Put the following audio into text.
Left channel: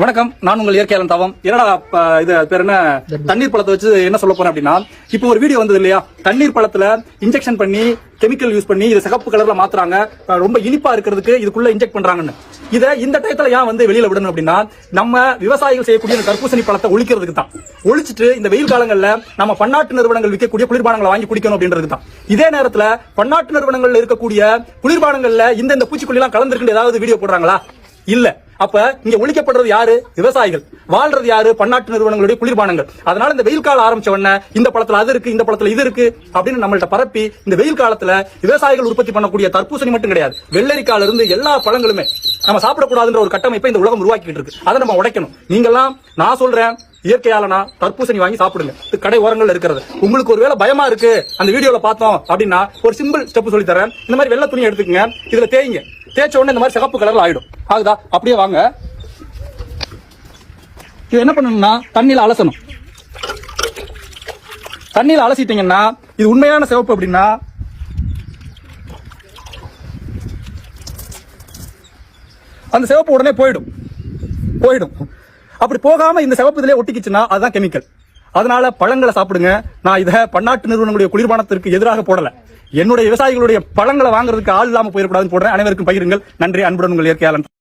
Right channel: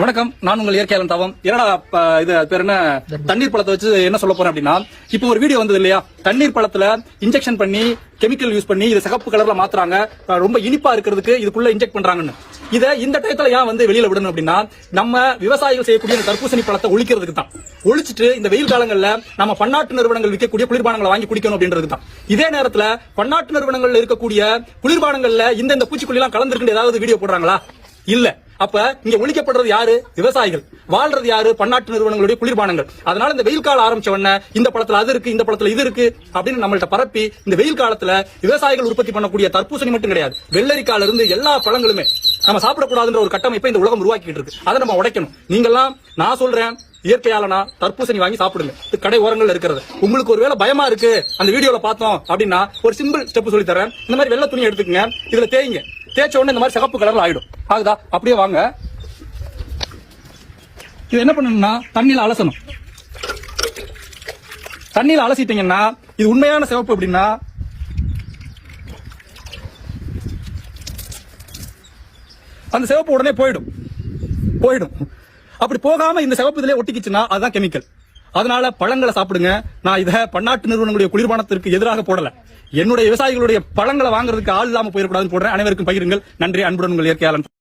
வணக்கம், நான் உங்கள் இயற்கையாளன் தவம். என்னடா இது பேர் என்ன, தண்ணீர் பழத்தை வச்சு என்ன சொல்ல போறேன் அப்படின்னா, இப்போ ஒரு வீடியோ வந்தது இல்லையா, தண்ணீர் பழத்துல இன்ஜெக்ஷன் பண்ணி கெமிக்கல் யூஸ் பண்ணி இதை சிகப்பு கலர்ல மாத்துறாங்க, ரொம்ப இனிப்பா இருக்கிறதுக்கு இதுக்குள்ள இன்ஜெக்ட் பண்றாங்கன்னு. இதை இந்த டயத்துல ஏன் வந்து வெளியில விடணும் அப்படின்னா, நம்ம விவசாயிகள் செய்யக்கூடிய இந்த தர்பூசணி பழத்தை ஒழிக்கிறதுக்கு தான். ஒழிச்சிட்டு இந்த வெயில் காலங்கள்ல நம்ம பன்னாட்டு நிறுவனங்கள் விற்கக்கூடிய குளிர்பானங்களை வாங்கி குடிக்கணும் அப்படின்றதுக்கு தான். இதே நேரத்துல பன்னாட்டு நிறுவனங்கள்ல இருக்கக்கூடிய குளிர்பானங்கள்ல இந்த பூச்சிக்கொல்லி எல்லாம் கலந்துருக்கு ஏதாவது வீடியோ போடுறாங்களா? இல்ல. அப்ப இங்க ஒழிக்கப்படுறது யாரு? விவசாயிகள். வாழ்றது யாரு? பன்னாட்டு நிறுவனங்களுடைய குளிர்பானங்கள். அதனால இந்த வெயில் காலம் ஆரம்பிச்ச உடனே இந்த பழத்துல அது இருக்கு, இந்த பழத்துல இது இருக்கு அப்படின்னு நம்மள்ட்ட பரப்பி இந்த வெயில் காலத்துல விவசாயிகள் உற்பத்தி பண்ணக்கூடிய தர்பூசணி மட்டும் கிடையாது, வெள்ளரிக்கால இருந்து எல்லா பழங்களுமே நம்ம சாப்பிடக்கூடாதுன்ற ஒரு கட்டமைப்பை இந்த உலகம் உருவாக்கிட்டு இருக்கு. அதை நம்ம உடைக்கணும். நீங்கெல்லாம் நான் சொல்றேன், இயற்கையாலனா தர்பூசணி வாங்கி சாப்பிடுங்க. கடை ஓரங்கள் இருக்கிறது. உங்களுக்கு ஒருவேளை பயமா இருக்கு அந்த வீடியோல பார்த்தோம் அப்படின்னா ஒரு சிம்பிள் ஸ்டெப் சொல்லி தரேன். இந்த மாதிரி வெள்ளை துணி எடுத்துக்கங்க, இதுல தேய்ங்க. தேய்ச்ச உடனே இந்த மாதிரி சிகப்பு கலர்ல ஆயிடும். ஆகுதா? அப்படியே வாங்க. இது என்ன பண்ணணும்னா தண்ணியில அலசணும். தண்ணியில அலசிட்டீங்கன்னா இது உண்மையான சிவப்பு அப்படின்னா அந்த சிவப்பு உடனே போயிடும். அப்படி போகாம இந்த சிவப்பு இதுலயே ஒட்டிக்கிச்சுன்னா அதுதான் கெமிக்கல். அதனால பழங்களை சாப்பிடுங்க. நான் இதை பன்னாட்டு நிறுவனங்களுடைய குளிர்பானத்திற்கு எதிராக போடல. என்னுடைய விவசாயிகளுடைய பழங்களை வாங்குறதுக்கு ஆள் இல்லாம போயிடக்கூடாதுன்னு போடுறேன். அனைவருக்கும் பகிருங்கள். நன்றி. அன்புடன் உங்கள் இயற்கையாளன்.